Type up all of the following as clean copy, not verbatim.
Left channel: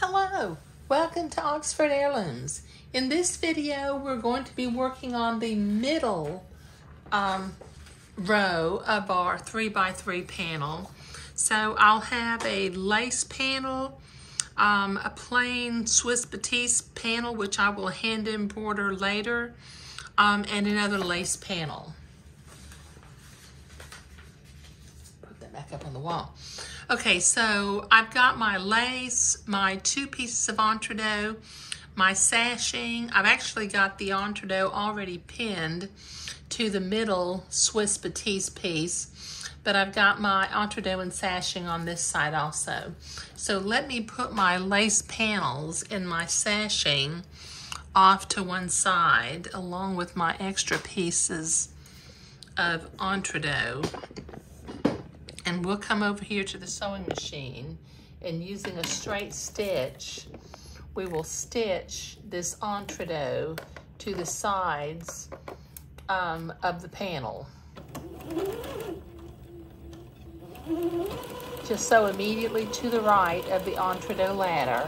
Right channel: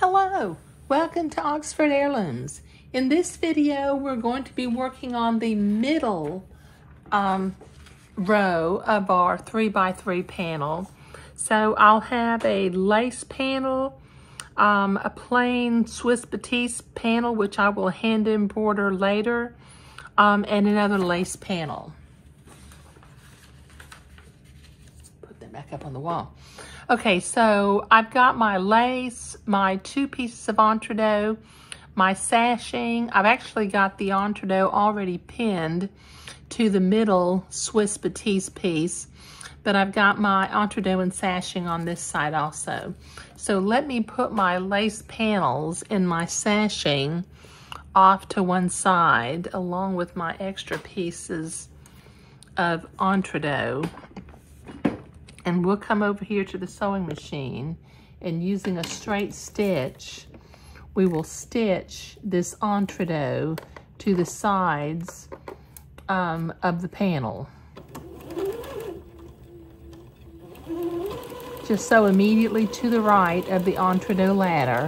Hello, welcome to Oxford Heirlooms. In this video, we're going to be working on the middle row of our 3x3 panel. So I'll have a lace panel, a plain Swiss Batiste panel, which I will hand embroider later, and another lace panel. Put that back up on the wall. Okay, so I've got my lace, my 2 pieces of entredot, my sashing. I've actually got the entredot already pinned to the middle Swiss Batiste piece, but I've got my entredot and sashing on this side also. So let me put my lace panels and my sashing off to one side along with my extra pieces of entredot. And we'll come over here to the sewing machine, and using a straight stitch, we will stitch this entredot to the sides of the panel. Just sew immediately to the right of the entredot ladder,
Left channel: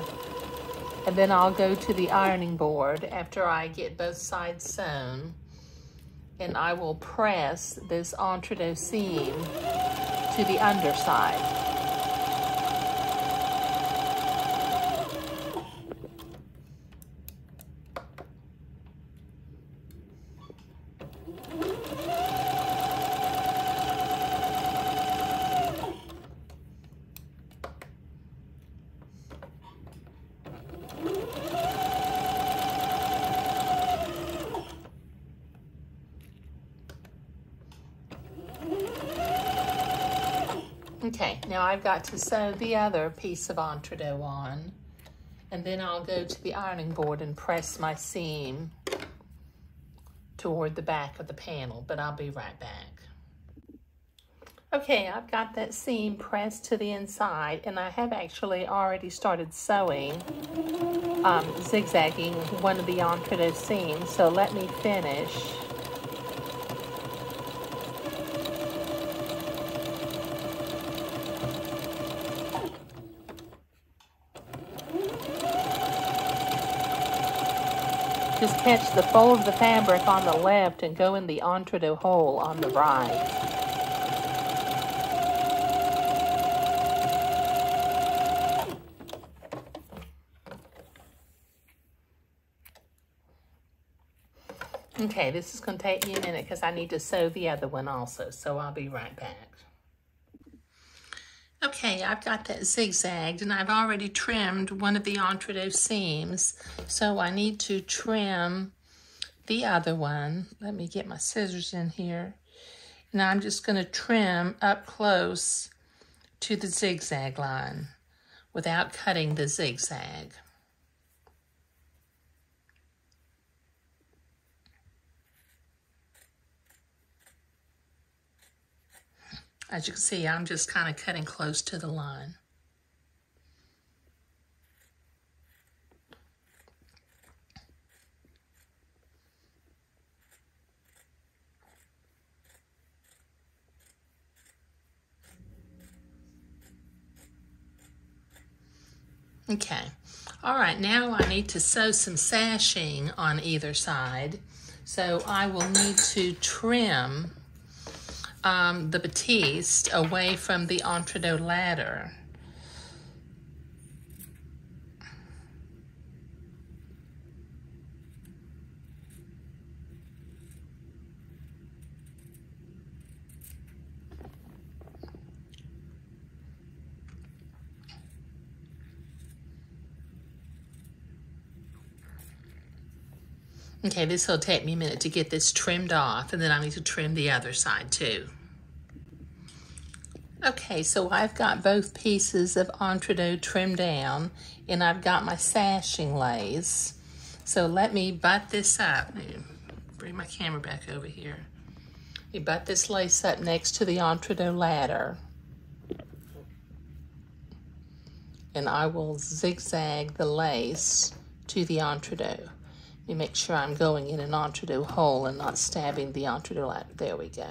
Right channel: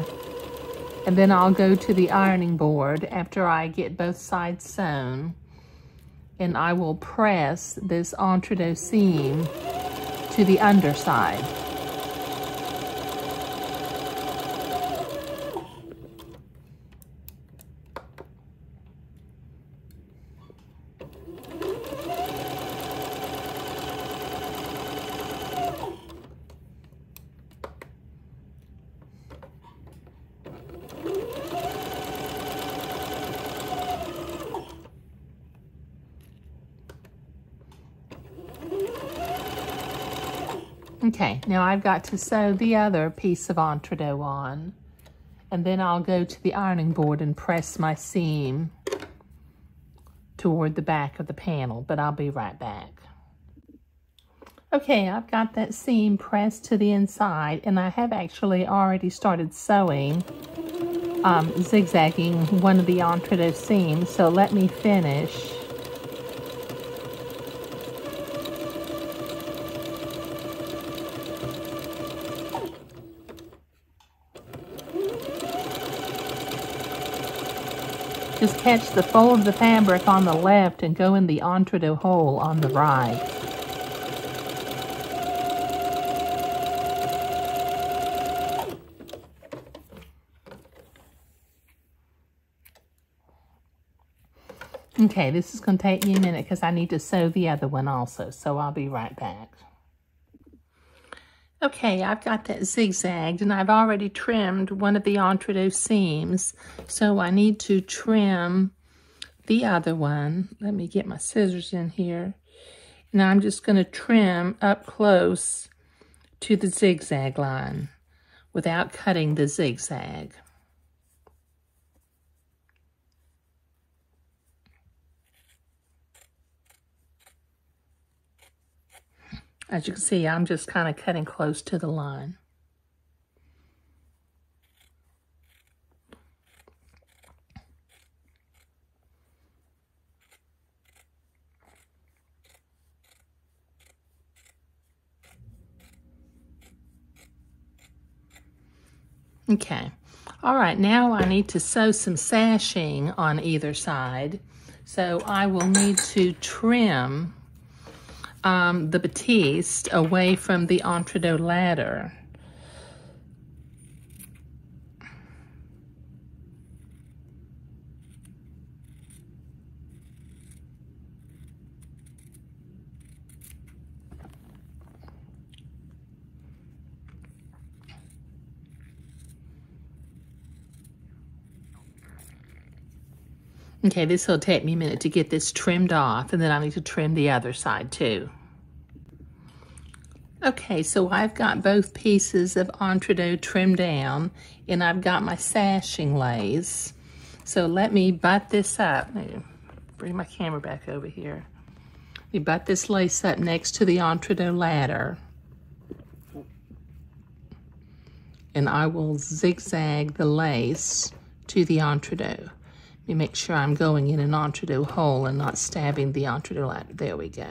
and then I'll go to the ironing board after I get both sides sewn, and I will press this entredot seam to the underside. Okay, now I've got to sew the other piece of entredot on, and then I'll go to the ironing board and press my seam toward the back of the panel, but I'll be right back. Okay, I've got that seam pressed to the inside, and I have actually already started sewing, zigzagging one of the entredot seams, so let me finish. Just catch the fold of the fabric on the left and go in the entredot hole on the right. Okay, this is going to take me a minute because I need to sew the other one also, so I'll be right back. Okay, I've got that zigzagged, and I've already trimmed one of the entredot seams, so I need to trim the other one. Let me get my scissors in here, and I'm just going to trim up close to the zigzag line without cutting the zigzag. As you can see, I'm just kind of cutting close to the line. Okay, all right, now I need to sew some sashing on either side. So I will need to trim the batiste away from the entredot ladder. Okay, this will take me a minute to get this trimmed off, and then I need to trim the other side too. Okay, so I've got both pieces of entredot trimmed down, and I've got my sashing lace. So let me butt this up. Bring my camera back over here. You butt this lace up next to the entredot ladder, and I will zigzag the lace to the entredot. Let me make sure I'm going in an entredot hole and not stabbing the entredot ladder. There we go.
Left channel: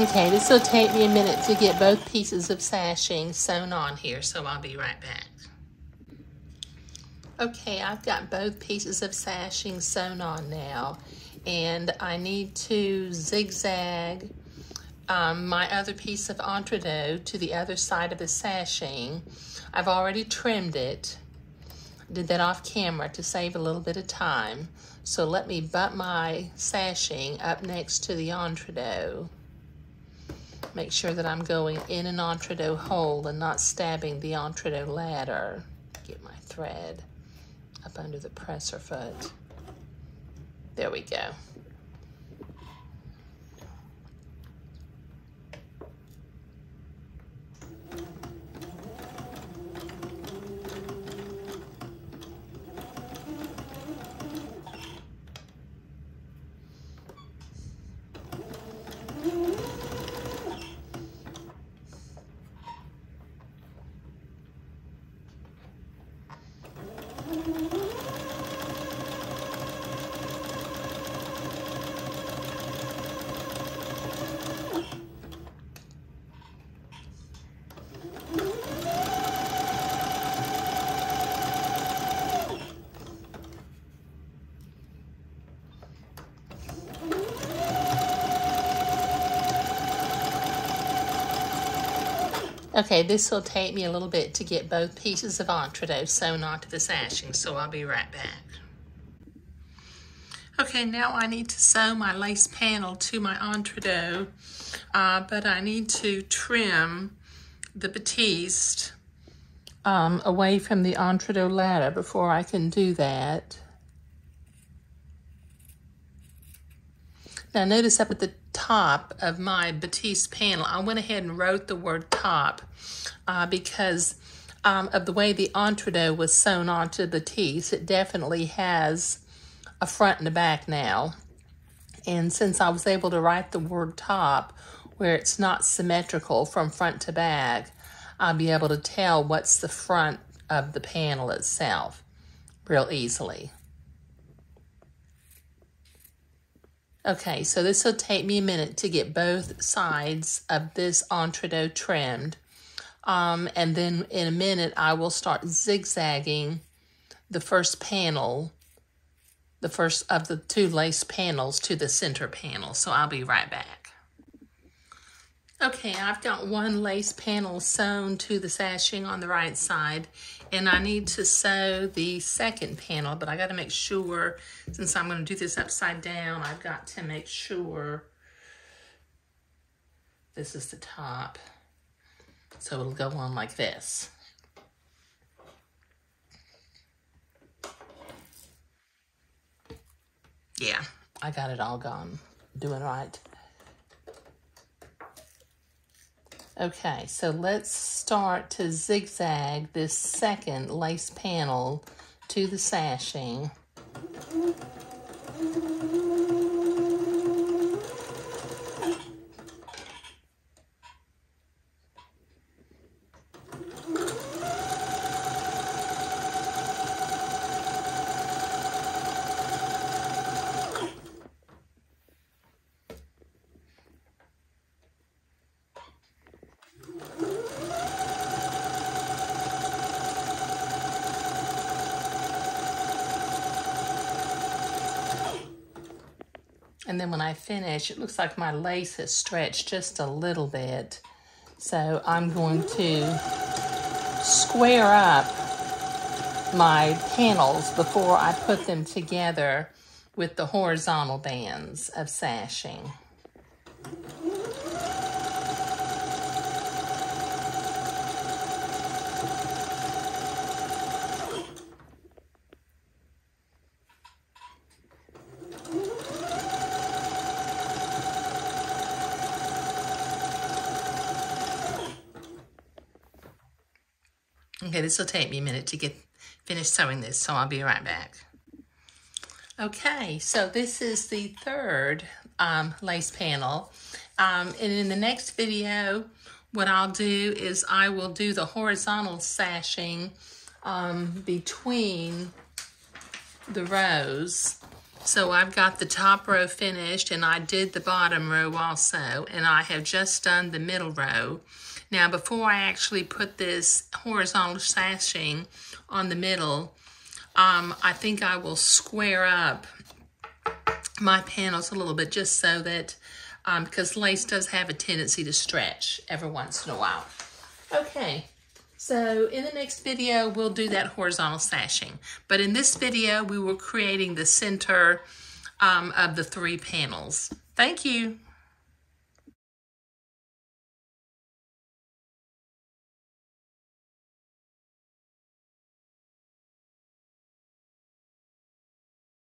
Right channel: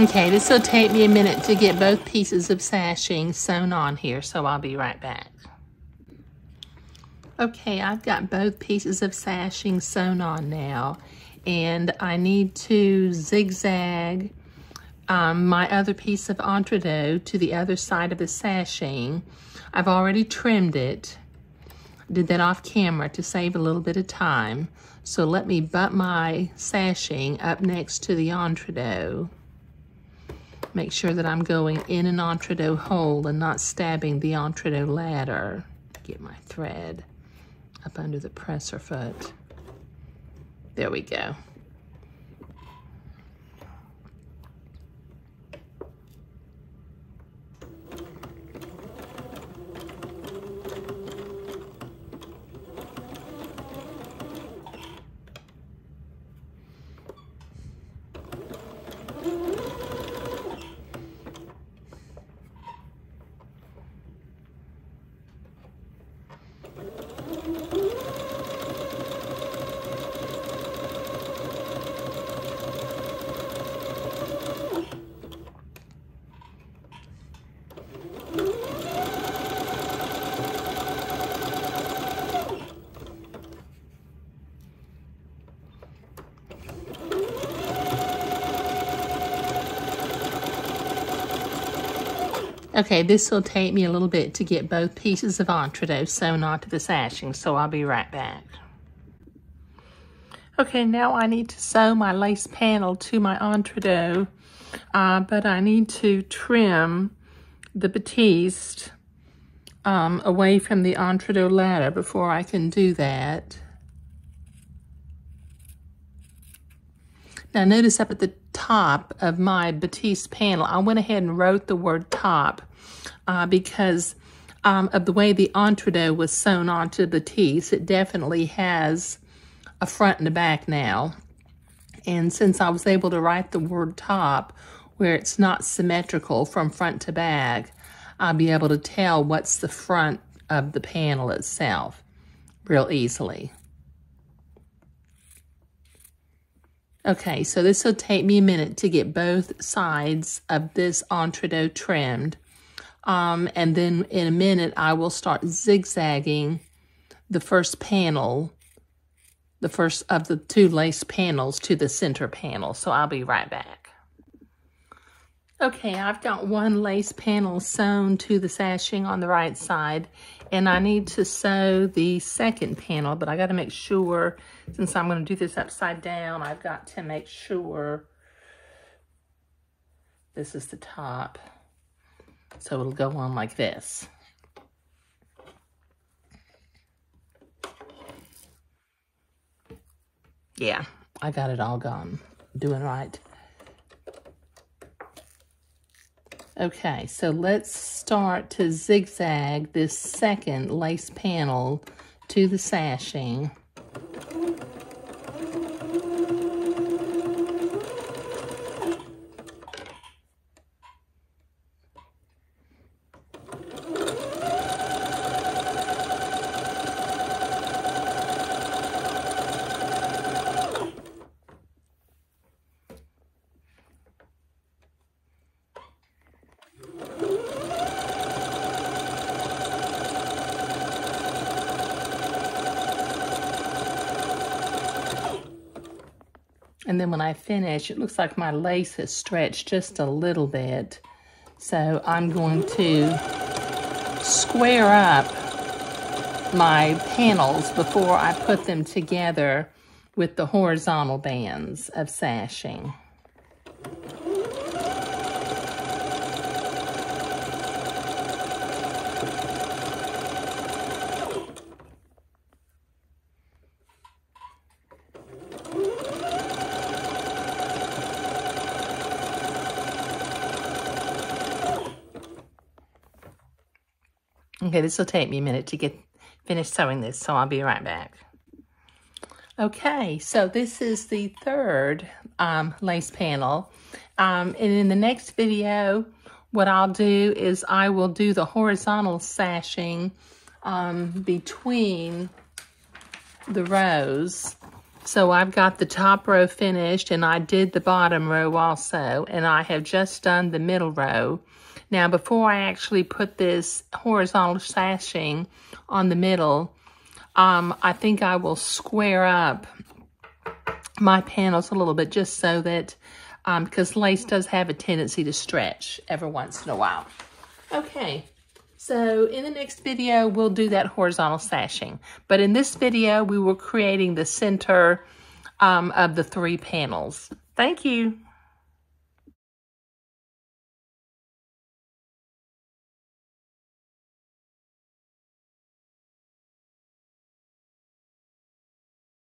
Okay, this will take me a minute to get both pieces of sashing sewn on here, so I'll be right back. Okay, I've got both pieces of sashing sewn on now, and I need to zigzag my other piece of entredot to the other side of the sashing. I've already trimmed it, did that off camera to save a little bit of time. So let me butt my sashing up next to the entredot. Make sure that I'm going in an entredot hole and not stabbing the entredot ladder. Get my thread up under the presser foot. There we go. Okay, this will take me a little bit to get both pieces of entredot sewn onto the sashing, so I'll be right back. Okay, now I need to sew my lace panel to my entredot, but I need to trim the batiste away from the entredot ladder before I can do that. Now notice up at the top of my batiste panel, I went ahead and wrote the word top because of the way the entredot was sewn onto the batiste. It definitely has a front and a back now. And since I was able to write the word top where it's not symmetrical from front to back, I'll be able to tell what's the front of the panel itself real easily. Okay, so this will take me a minute to get both sides of this entredot trimmed. And then in a minute, I will start zigzagging the first panel, the first of the two lace panels to the center panel. So I'll be right back. Okay, I've got one lace panel sewn to the sashing on the right side, and I need to sew the second panel, but I got to make sure, since I'm going to do this upside down, I've got to make sure this is the top. So it'll go on like this. Yeah, I got it all gone. Doing right. Okay, so let's start to zigzag this second lace panel to the sashing. And then when I finish, it looks like my lace has stretched just a little bit. So I'm going to square up my panels before I put them together with the horizontal bands of sashing. Okay, this will take me a minute to get finished sewing this, so I'll be right back. Okay, so this is the third lace panel. And in the next video, what I'll do is I will do the horizontal sashing between the rows. So I've got the top row finished, and I did the bottom row also, and I have just done the middle row. Now, before I actually put this horizontal sashing on the middle, I think I will square up my panels a little bit, just so that, because lace does have a tendency to stretch every once in a while. Okay. So in the next video, we'll do that horizontal sashing. But in this video, we were creating the center of the 3 panels. Thank you.